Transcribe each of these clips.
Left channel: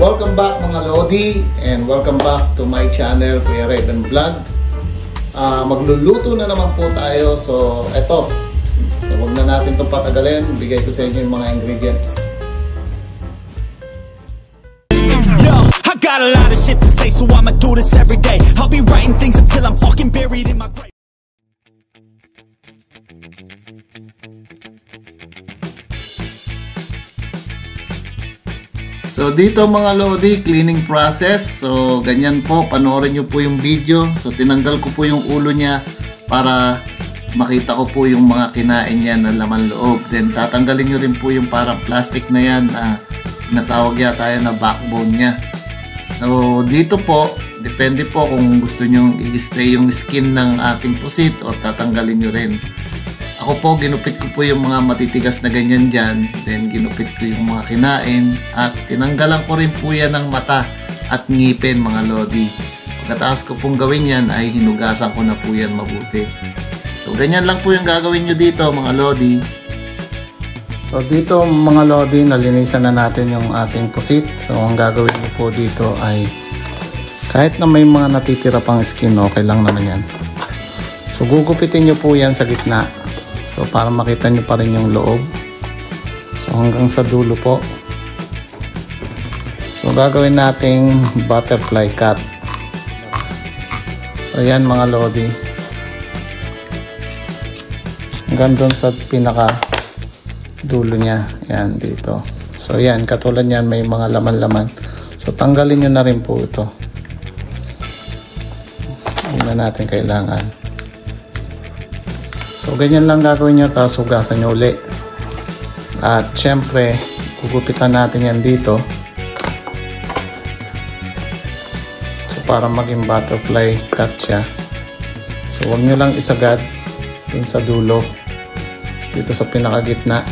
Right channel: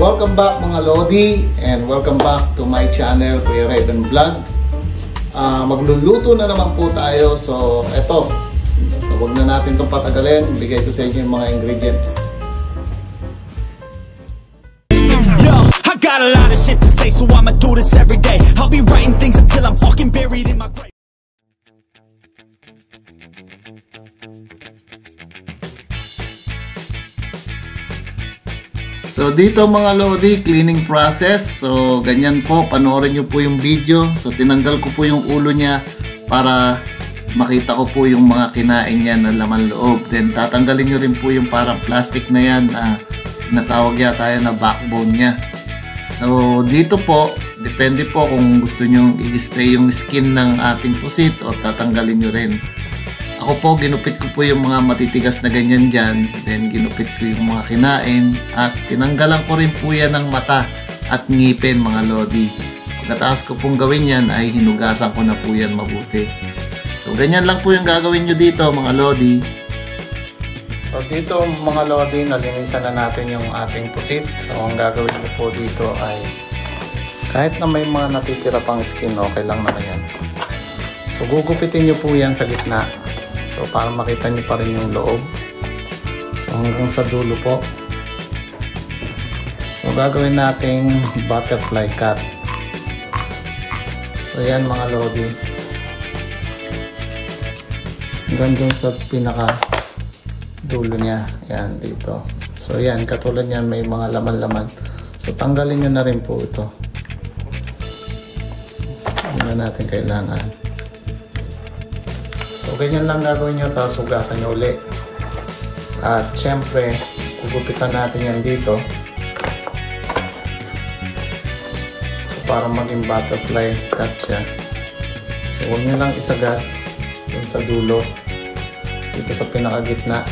Welcome back mga Lodi and welcome back to my channel, Kuya Raven Vlog. Magluluto na naman po tayo. So eto, huwag na natin itong patagalin. Bigay ko sa inyo yung mga ingredients. Yo, I got a lot of shit to say, so I'ma do this every day. I'll be writing things until I'm fucking buried in my grave. So dito mga Lodi, cleaning process. So ganyan po, panoorin nyo po yung video. So tinanggal ko po yung ulo niya para makita ko po yung mga kinain niya na laman loob. Then tatanggalin nyo rin po yung parang plastic na yan na tinatawag yata yan na backbone niya. So dito po, depende po kung gusto nyo i-stay yung skin ng ating pusit or tatanggalin nyo rin. Ako po, ginupit ko po yung mga matitigas na ganyan dyan. Then, ginupit ko yung mga kinain. At tinanggalan ko rin po yan ng mata at ngipin mga Lodi. Pagkatapos ko pong gawin yan, ay hinugasan ko na po yan mabuti. So, ganyan lang po yung gagawin nyo dito mga Lodi. So, dito mga Lodi, nalinisan na natin yung ating pusit. So, ang gagawin ko po dito ay kahit na may mga natitira pang skin, okay lang naman yan. So, gugupitin nyo po yan sa gitna. So, para makita niyo pa rin yung loob. So, hanggang sa dulo po. So, gagawin nating butterfly cut. So, yan mga Lodi. Hanggang doon sa pinaka dulo niya. Yan, dito. So, yan. Katulad yan, may mga laman-laman. So, tanggalin nyo na rin po ito. Hindi na natin kailangan. So, ganyan lang gagawin nyo, tapos hugasan nyo ulit. At syempre, gugupitan natin yan dito. So, para maging butterfly cut siya. So, huwag nyo lang isagad dun sa dulo. Dito sa pinakagitna.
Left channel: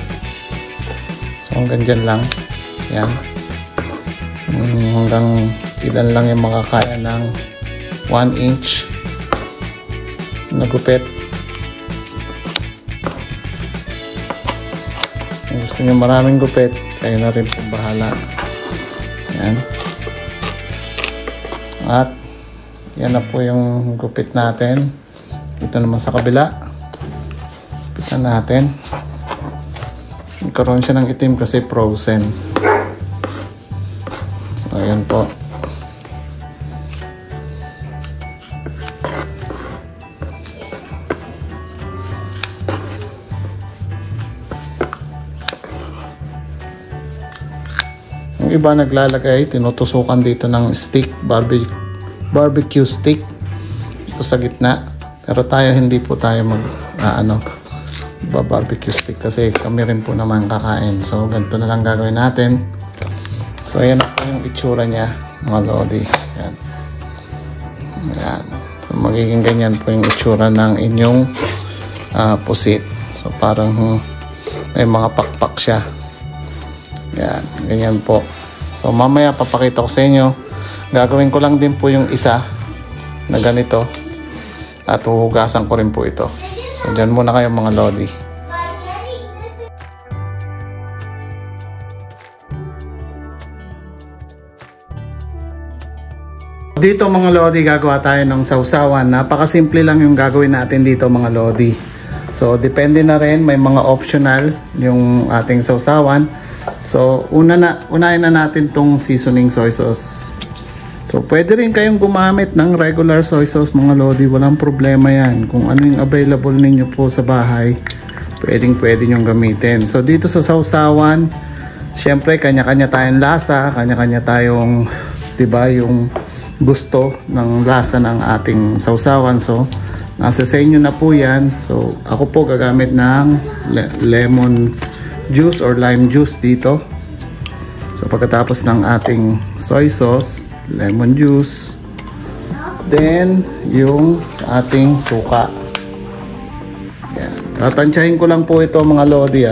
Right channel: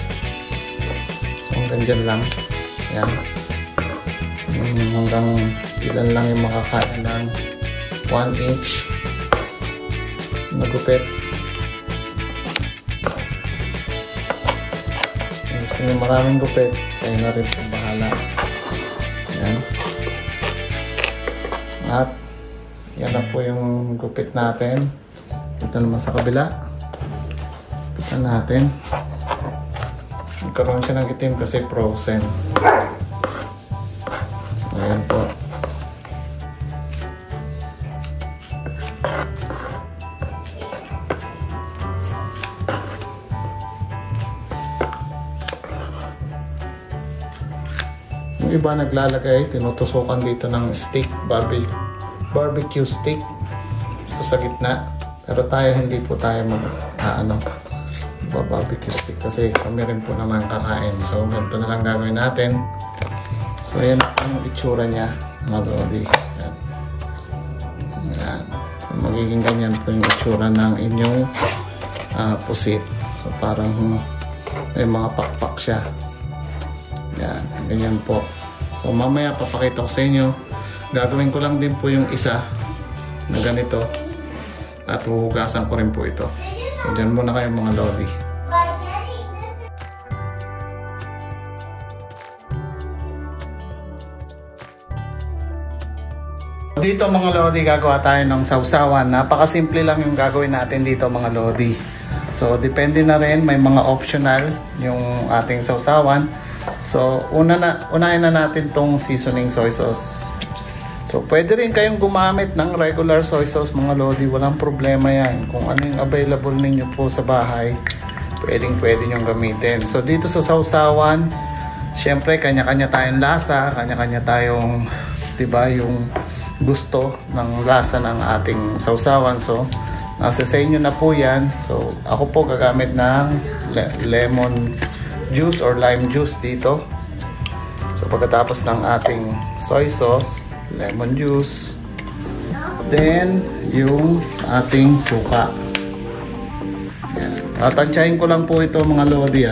So, hanggang dyan lang. Yan. Hanggang ilan lang yung makakaya ng 1 inch na gupit. Gusto nyo maraming gupit, kayo na rin po bahala. Yan. At yan na po yung gupit natin. Dito naman sa kabila. Gupitan natin. Nagkaroon siya ng itim kasi frozen. So ayan po. Yung iba naglalagay, tinutusukan dito ng stick, barbecue stick ito sa gitna. Pero tayo hindi po tayo barbecue stick kasi kami rin po naman kakain. So ganito na lang gagawin natin. So ayan po yung itsura niya mga Lodi. Ayan. Ayan. So magiging ganyan po yung itsura ng inyong pusit. So parang may mga pakpak siya. Ayan. Ganyan po. So mamaya papakita ko sa inyo. Gagawin ko lang din po yung isa na ganito. At huhugasan ko rin po ito. So dyan muna kayo mga Lodi. Dito mga Lodi, gagawa tayo ng sausawan. Napakasimple lang yung gagawin natin dito mga Lodi. So depende na rin, may mga optional yung ating sausawan. So unahin na natin tong seasoning soy sauce. So pwede rin kayong gumamit ng regular soy sauce mga Lodi, walang problema yan. Kung ano yung available ninyo po sa bahay, pwede nyong gamitin. So dito sa sausawan, syempre kanya-kanya tayong lasa, kanya-kanya tayong, diba, yung gusto ng lasa ng ating sausawan. So nasa sa inyo na po yan. So ako po gagamit ng lemon juice or lime juice dito. So pagkatapos ng ating soy sauce, lemon juice, then yung ating suka. Yan. Tatansyahin ko lang po ito mga Lodi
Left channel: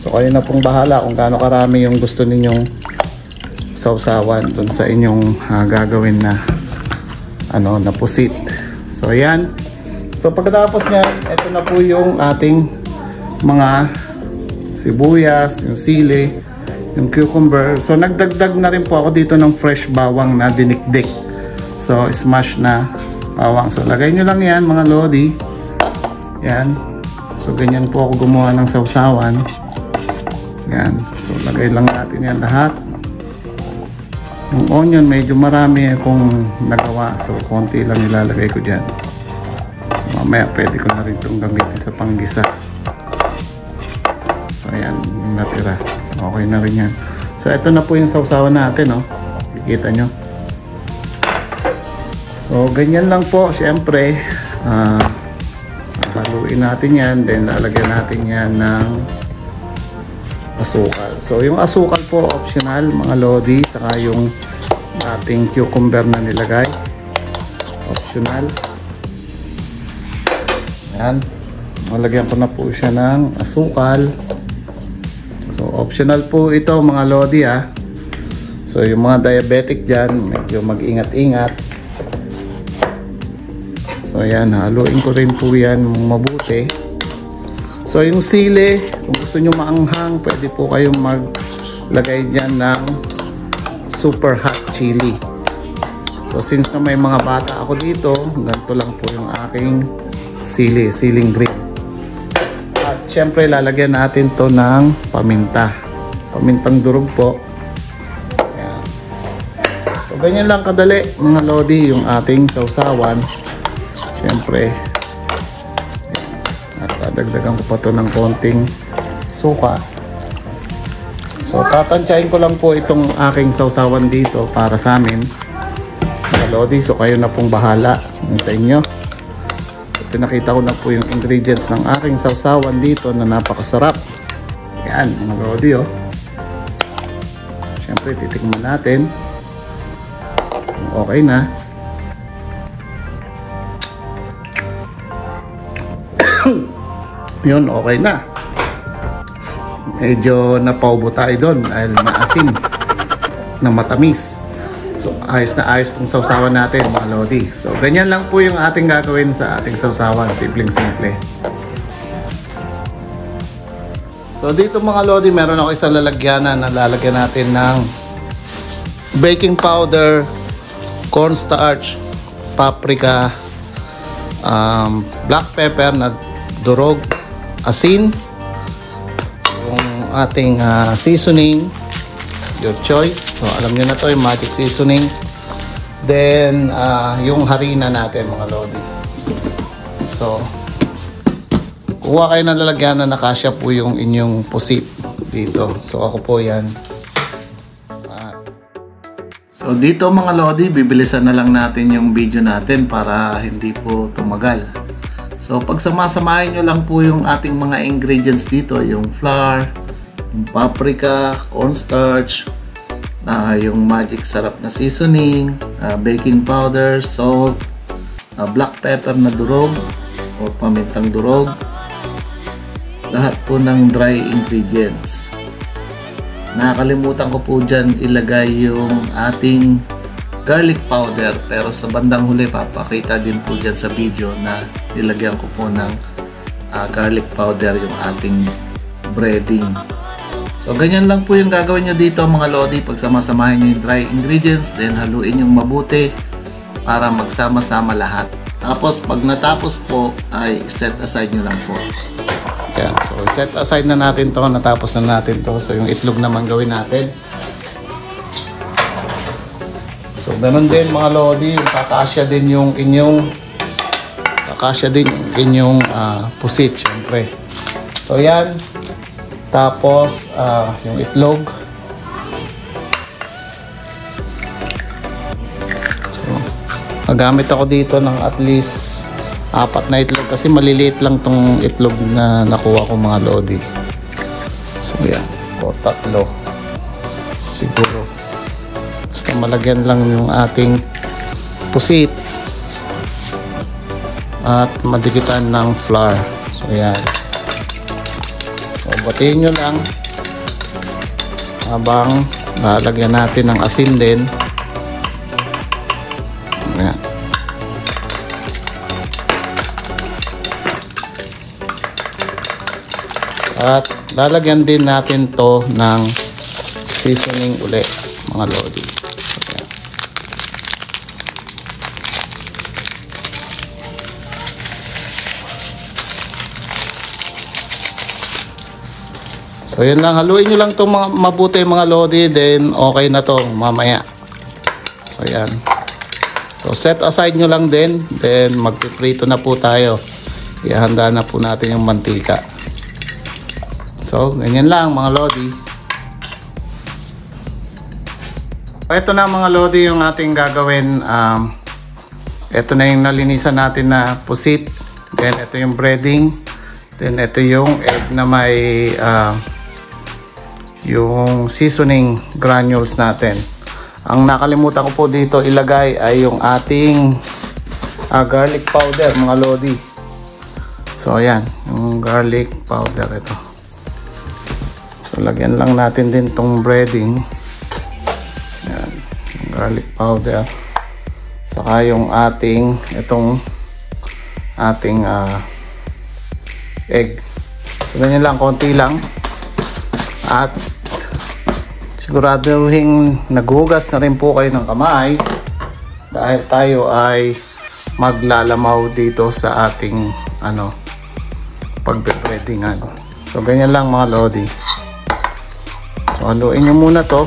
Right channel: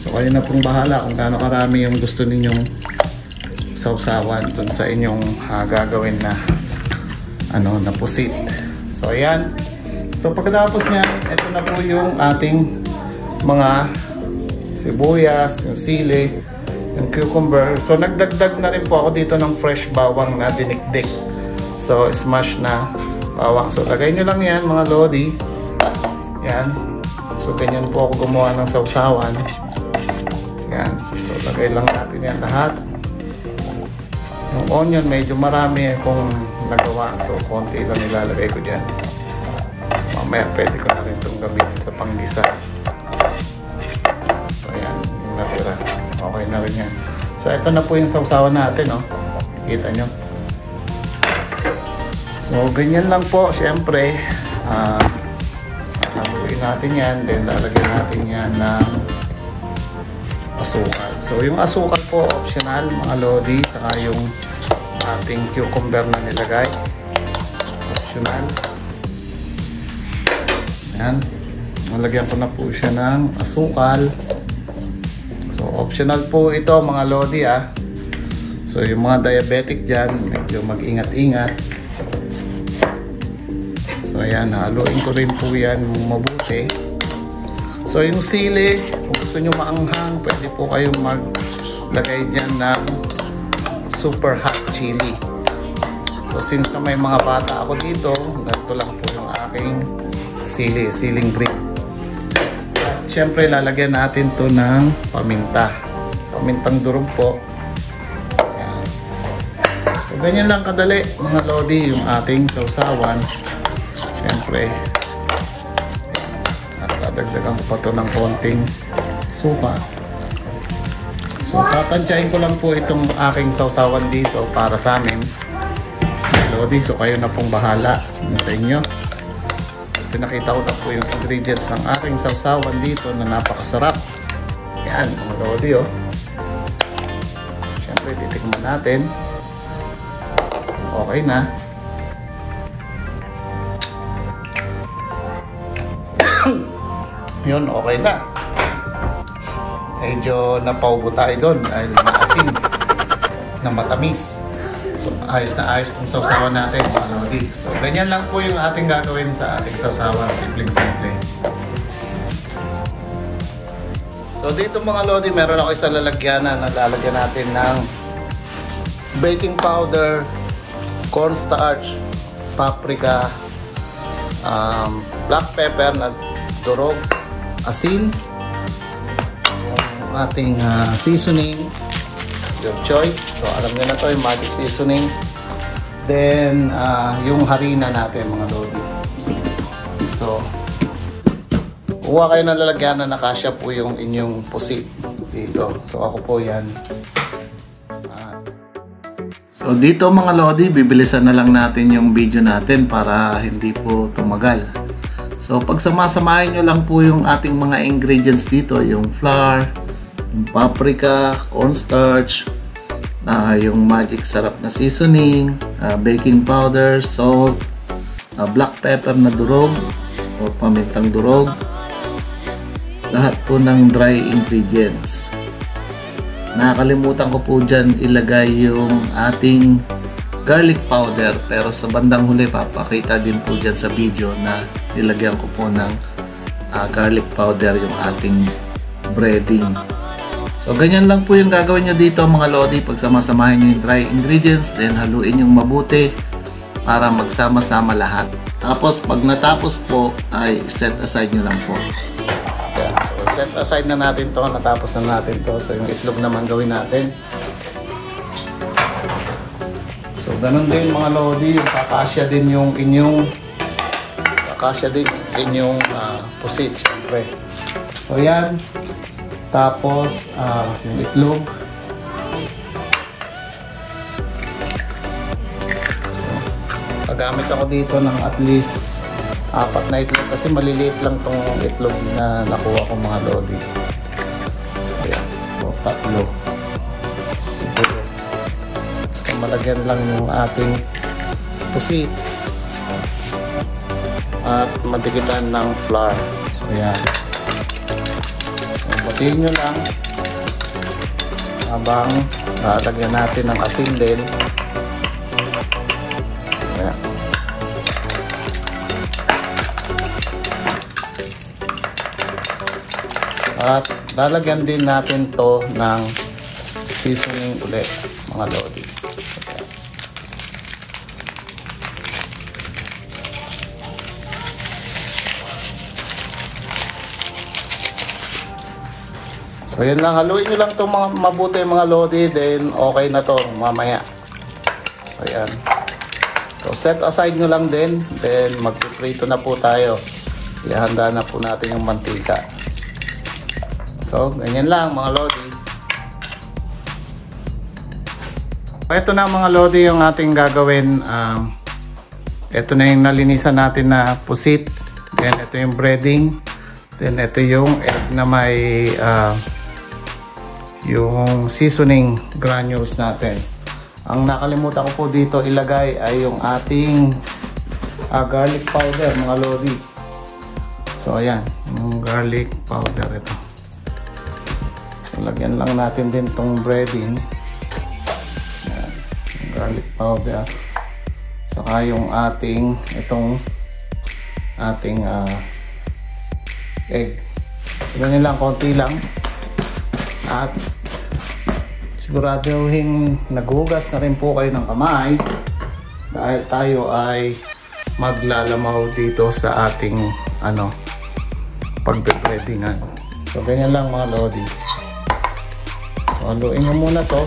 So kayo na pong bahala kung gaano karami yung gusto ninyong sausawan dun sa inyong gagawin na na pusit. So ayan. So pagkatapos niya, ito na po yung ating mga sibuyas, yung sili, yung cucumber. So nagdagdag na rin po ako dito ng fresh bawang na dinikdik. So smash na bawang. So lagay nyo lang yan mga lodi. Yan. So ganyan po ako gumawa ng sausawan. Yan. So lagay lang natin yan lahat. Yung onion medyo marami akong nagawa. So konti lang nilalagay ko dyan. So mamaya pwede ko na rin itong gamitin sa panggisa. So yan. Yung natira. So okay na rin yan. So ito na po yung sausawan natin. Oh. Kikita nyo. So ganyan lang po. Siyempre haluin natin yan. Then lalagyan natin yan ng asukal. So yung asukal po optional mga lodi. Saka yung ating cucumber na nilagay optional. Ayan. Malagyan ko na po siya ng asukal. So optional po ito mga lodi ah. So yung mga diabetic dyan medyo mag-ingat-ingat. So ayan, haluin ko rin po yan mabuti. So yung sili, kung gusto nyo maanghang, pwede po kayong maglagay dyan ng super hot chili. So since na may mga bata ako dito, ganito lang po yung aking siling green. At syempre lalagyan natin to ng paminta. Pamintang durog po. Ayan. So ganyan lang kadali mga lodi yung ating sausawan. Siyempre, dagdagan ko pa ito ng konting suka. So, tatansyahin ko lang po itong aking sausawan dito para sa amin. Lodi, so kayo na pong bahala sa inyo. Pinakita ko na po yung ingredients ng aking sausawan dito na napakasarap. Yan, mga lodi, oh. Siyempre, titikman natin. Okay na. Yun, okay na. Medyo napaubo tayo doon dahil maasim ng matamis. So ayos na ayos yung sausawan natin mga lodi. So ganyan lang po yung ating gagawin sa ating sausawan. Simpleng-simple. So dito mga lodi, meron ako isang lalagyanan na lalagyan natin ng baking powder, cornstarch, paprika, black pepper na durog, asin, yung ating seasoning, your choice. Alam nyo na ito, yung magic seasoning. Then, yung harina natin mga lodi. So, kuha kayo na lalagyan na nakasya po yung inyong pusit dito. So, ako po yan. So, dito mga lodi, bibilisan na lang natin yung video natin para hindi po tumagal. So, pag samasamahin nyo lang po yung ating mga ingredients dito, yung flour, yung paprika, cornstarch, yung magic sarap na seasoning, baking powder, salt, black pepper na durog o pamintang durog, lahat po ng dry ingredients. Nakakalimutan ko po dyan ilagay yung ating garlic powder, pero sa bandang huli papakita din po dyan sa video na ilagyan ko po ng garlic powder yung ating breading. So ganyan lang po yung gagawin nyo dito mga lodi. Pagsama-samahin nyo yung dry ingredients, then haluin yung mabuti para magsama-sama lahat. Tapos pag natapos po ay set aside nyo lang po. Ayan. Set aside na natin to, natapos na natin to. So yung itlog naman gawin natin. So, ganun din mga lodi, kakasya din yung inyong pusit, syempre. So, yan. Tapos, yung itlog. So, magamit ako dito ng at least 4 na itlog kasi maliliit lang tong itlog na nakuha ko mga lodi. So, yan. O, 3. Siguro. Malagyan lang yung ating pusit at madikitan ng flour. So yan. So batiin nyo lang habang nalagyan natin ng asin din. Yan. At lalagyan din natin to ng seasoning ulit mga lodi. So yun lang, haluin nyo lang itong mabuti mga lodi, then okay na to mamaya. So yan. So set aside nyo lang din, then magpiprito na po tayo. Ihanda na po natin yung mantika. So ganyan lang mga lodi. Ito na mga lodi yung ating gagawin. Ito na yung nalinisan natin na pusit. Then ito yung breading. Then ito yung egg na may yung seasoning granules natin. Ang nakalimutan ko po dito ilagay ay yung ating garlic powder mga lodi. So ayan, yung garlic powder ito. So lagyan lang natin din tong breading. Ayan, garlic powder. Saka yung ating itong ating egg. So ganyan lang, konti lang. At siguraduhin naghugas na rin po kayo ng kamay dahil tayo ay maglalamaw dito sa ating pagbe-breadingan. So ganyan lang mga lodi. So haluin nyo muna to.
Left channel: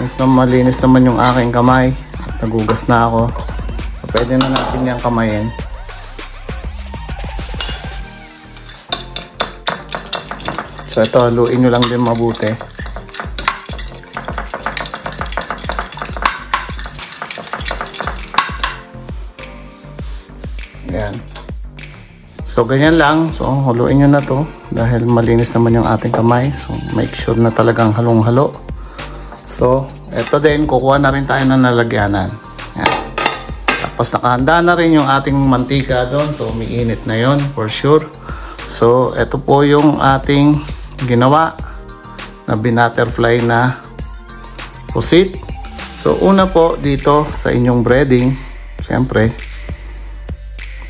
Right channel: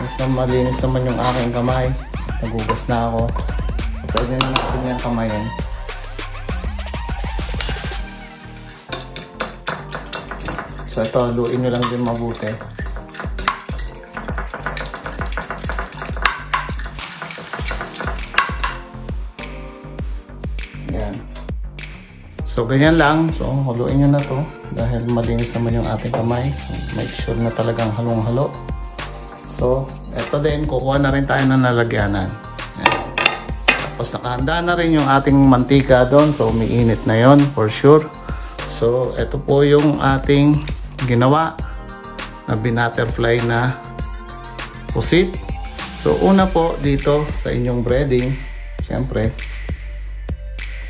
Since na malinis naman yung aking kamay at naghugas na ako, so pwede na natin yung kamayin. So ito, haluin nyo lang din mabuti. Ayan. So ganyan lang. So haluin nyo na to dahil malinis naman yung ating kamay. So make sure na talagang halong-halo. So ito din, kukuha na rin tayo ng nalagyanan. Ayan. Tapos nakahanda na rin yung ating mantika doon. So umiinit na yon for sure. So ito po yung ating ginawa na binutterfly na pusit. So una po dito sa inyong breading, syempre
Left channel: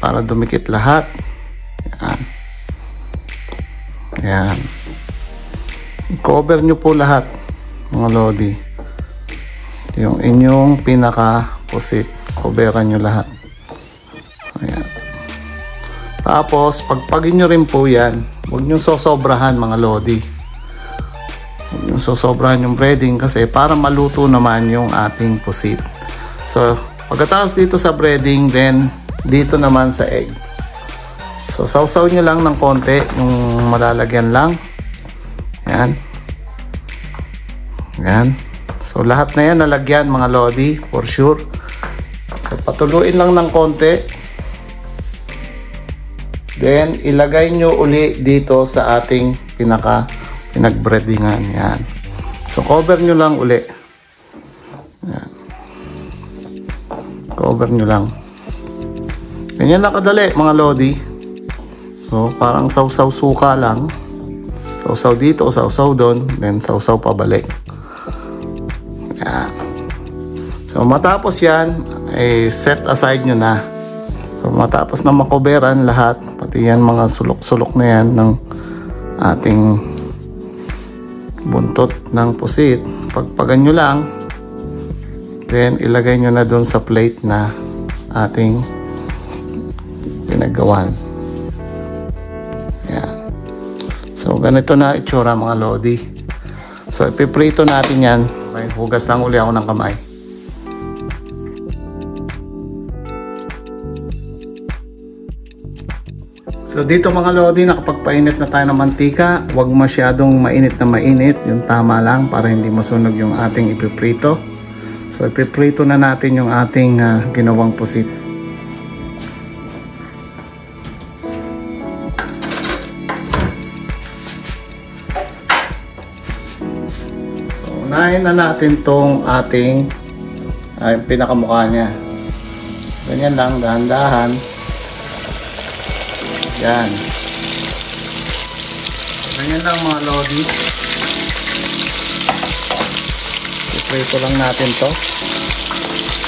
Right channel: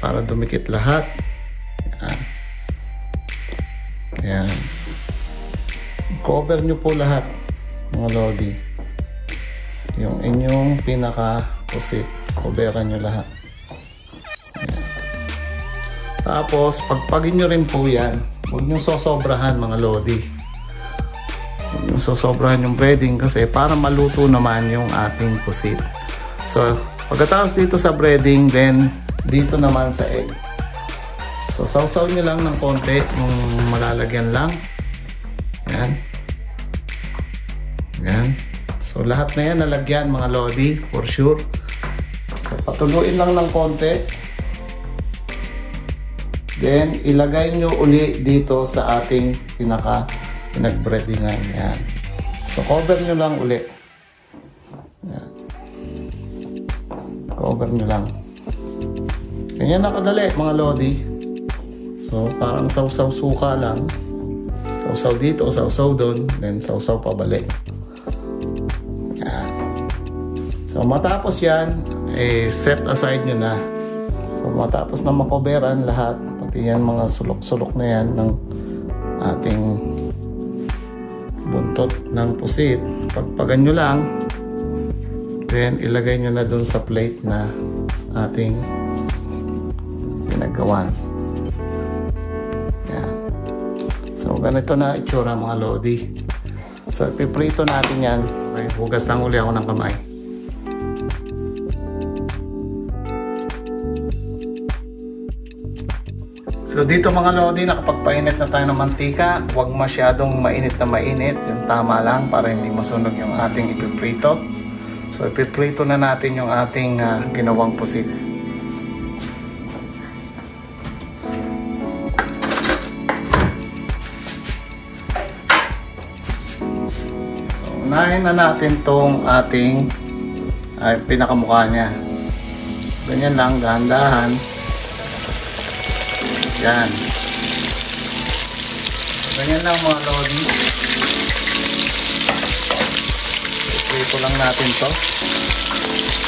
para dumikit lahat. Yan. Yan. Cover nyo po lahat mga lodi. Yung inyong pinaka pusit, coveran nyo lahat. Ayan. Tapos pagpagin nyo rin po yan. Huwag nyo sosobrahan mga lodi. Huwag nyo sosobrahan yung breading kasi para maluto naman yung ating pusit. So pagkatapos dito sa breading, then dito naman sa egg. So sausaw nyo lang ng konti, yung malalagyan lang. Yan. Yan. So lahat na yan nalagyan mga lodi for sure. So patuluin lang ng konti. Then, ilagay nyo uli dito sa ating pinag-breadingan. Yan. So, cover nyo lang uli. Yan. Cover nyo lang. Ganyan na kadali, mga lodi. So, parang sausaw suka lang. Sausaw dito, sausaw doon. Then, sausaw pabalik. Yan. So, matapos yan, set aside nyo na. So, matapos na makoberan lahat, pati yan mga sulok-sulok na yan ng ating buntot ng pusit, pagpagan nyo lang, then ilagay nyo na doon sa plate na ating pinagawan. Yan. So ganito na itsura mga lodi. So ipiprito natin yan. May hugas lang uli ako ng kamay. So dito mga lodi, nakapagpainit na tayo ng mantika. Huwag masyadong mainit na mainit. Yung tama lang para hindi masunog yung ating ipiprito. So ipiprito na natin yung ating ginawang pusit. So unahin na natin tong ating pinakamukha niya. Ganyan lang, dahan-dahan. Yan. Ganyan lang mga lodi. Prito lang natin to.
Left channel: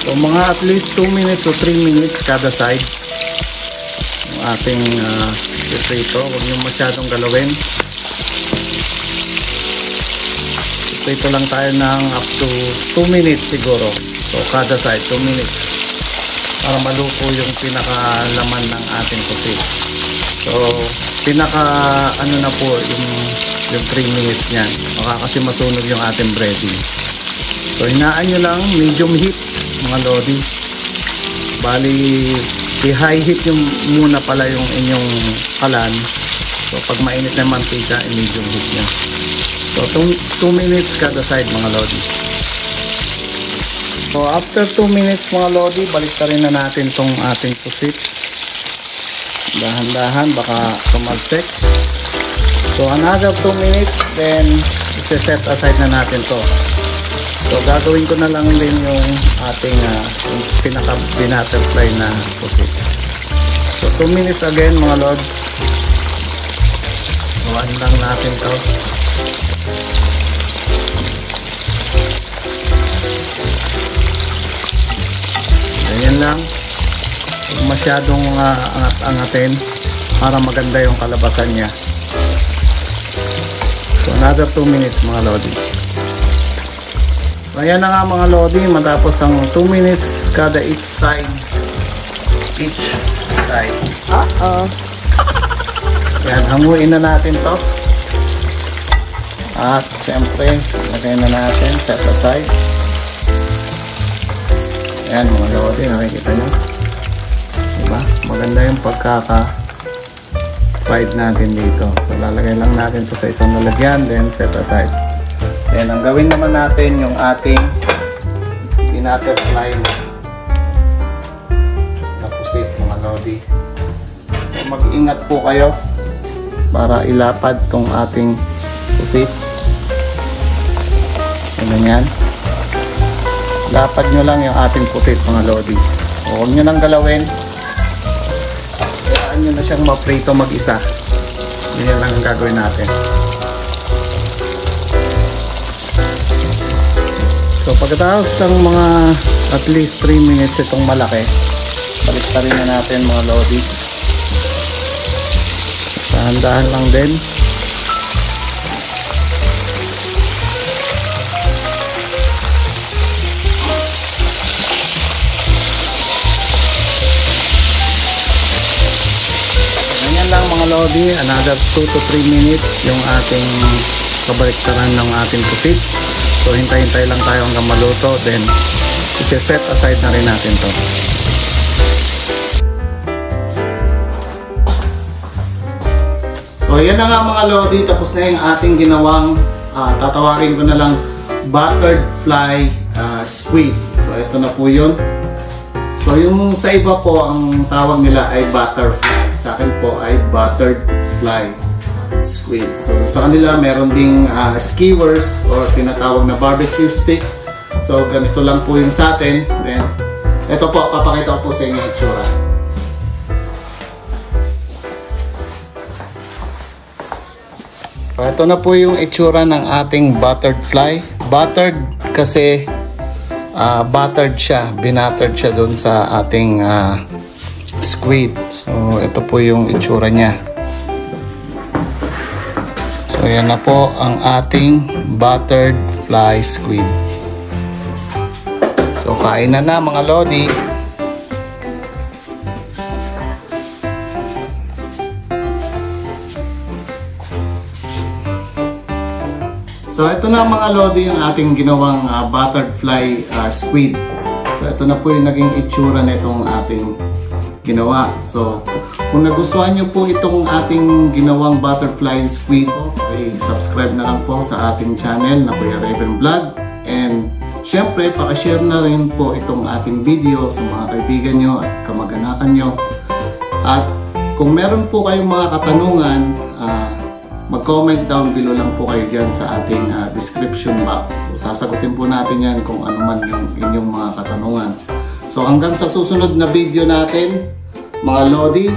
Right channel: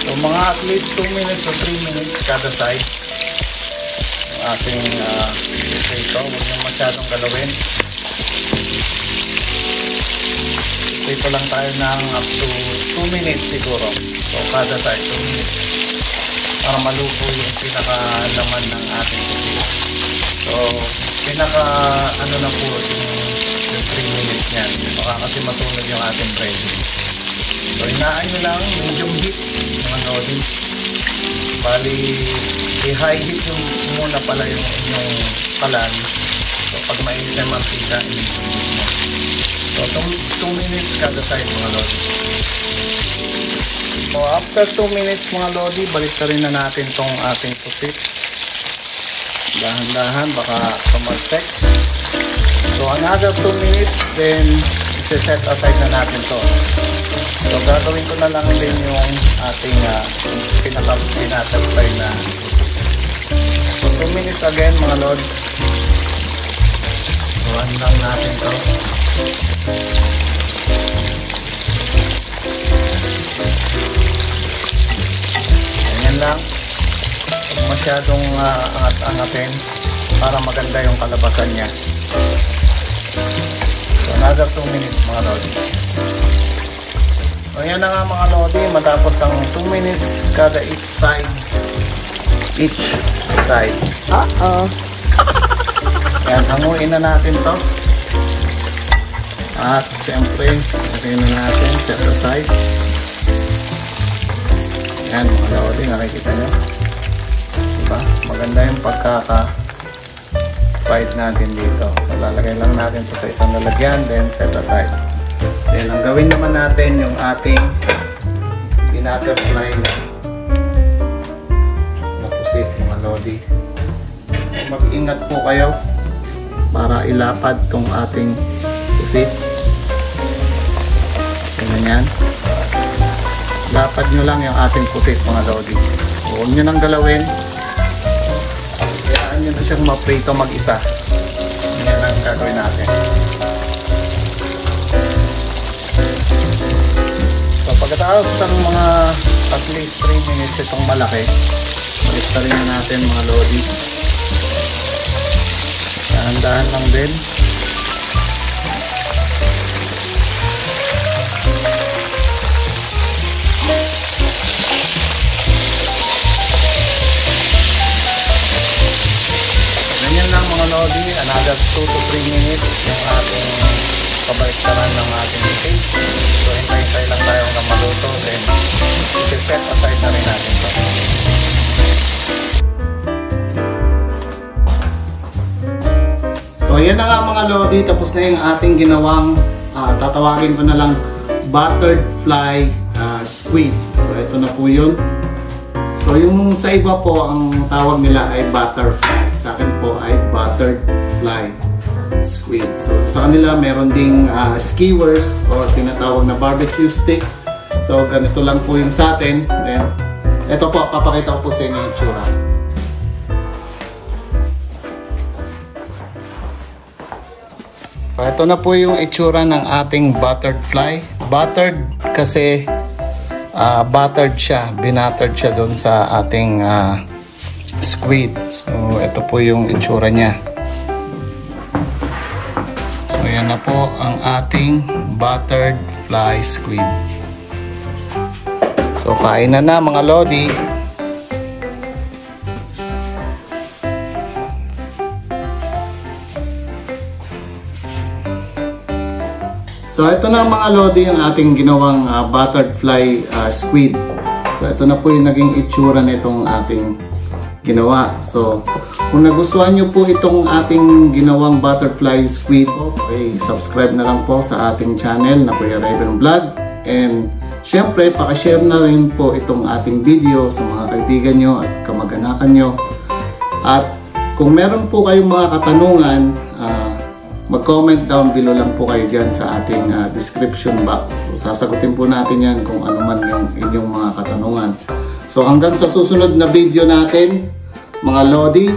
So mga at least 2 minutes to 3 minutes kada side. Yung ating prito. Huwag yung masyadong galawin. Prito lang tayo ng up to 2 minutes siguro. So kada side 2 minutes para maluto yung pinakalaman ng ating pusit. So pinaka ano na po yung 3 minutes niyan. Baka kasi masunog yung ating breading. So hinaan nyo lang, medium heat mga lodi. Bali i-high heat yung muna pala yung inyong kalan. So pag mainit na mantika, i-medium heat nyo. So 2 minutes kada side mga lodi. So after 2 minutes mga lodi, balik na natin itong ating pusit. Dahan-dahan baka tumalsek. So another 2 minutes and i-set aside na natin to. So gagawin ko na lang din yung ating pinaka-butterfly na pusit. So 2 minutes again mga lodi. Buwan lang natin to. Ganyan lang. Masyadong angatin para maganda yung kalabasan niya. So another 2 minutes mga lodi. So ayan na nga mga lodi, matapos ang 2 minutes kada each side. Ayan, hanguin na natin to. At syempre lagay na natin, set aside. Ayan mga lodi, nakikita nyo. Diba? Maganda yung pagkaka-fried natin dito. So lalagay lang natin sa isang lalagyan, then set aside. Then ang gawin naman natin yung ating butterfly na pusit mga lodi. So mag-ingat po kayo para ilapad tong ating pusit. Ganyan. Lapad nyo lang yung ating pusit mga lodi. So huwag nyo nang galawin. Kayaan nyo na siyang ma-prito mag-isa. Ganyan lang ang gagawin natin. So pagkatapos ng mga at least 3 minutes itong malaki, balik-tarin na natin mga lodi. Dahan-dahan lang din. Ganyan lang mga lodi, another 2 to 3 minutes yung ating kabalik-taran ng ating pusit. So hintay-hintay lang tayo hanggang maluto, then i-set aside na rin natin ito. So yan na nga mga lodi, tapos na yung ating ginawang tatawagin ko na lang buttered fly squid. So ito na po yun. So yung sa iba po ang tawag nila ay butterfly, sa akin po ay buttered fly squid. So sa kanila meron ding skewers or tinatawag na barbecue stick. So ganito lang po yung sa atin. Then ito po, papakita ko po sa inyo yung itsura. So ito na po yung itsura ng ating buttered fly. Buttered kasi buttered siya, binuttered siya doon sa ating squid. So ito po yung itsura niya. So yan na po ang ating buttered fly squid. So kain na mga lodi. So ito na mga lodi yung ating ginawang buttered fly squid. So ito na po yung naging itsura na itong ating ginawa. So kung nagustuhan nyo po itong ating ginawang butterfly squid, okay, subscribe na lang po sa ating channel na Kuya Raven Vlog. And syempre, pakishare na rin po itong ating video sa mga kaibigan nyo at kamag-anakan nyo. At kung meron po kayong mga katanungan, mag-comment down below lang po kayo dyan sa ating description box. So sasagutin po natin yan kung ano man yung inyong mga katanungan. So hanggang sa susunod na video natin, mga lodi,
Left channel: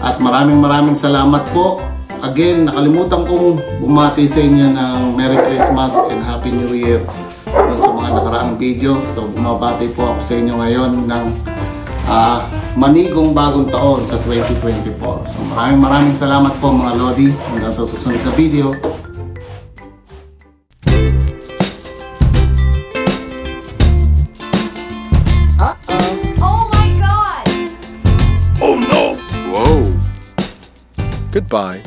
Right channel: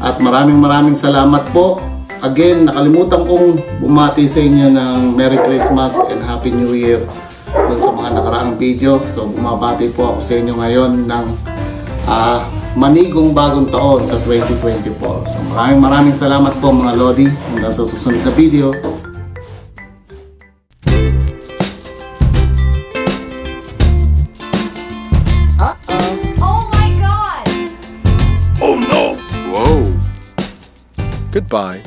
at maraming salamat po. Again, nakalimutan kong bumati sa inyo ng Merry Christmas and Happy New Year dun sa mga nakaraang video. So bumabati po ako sa inyo ngayon ng manigong bagong taon sa 2024. So maraming salamat po mga lodi. Hanggang sa susunod na video. Goodbye.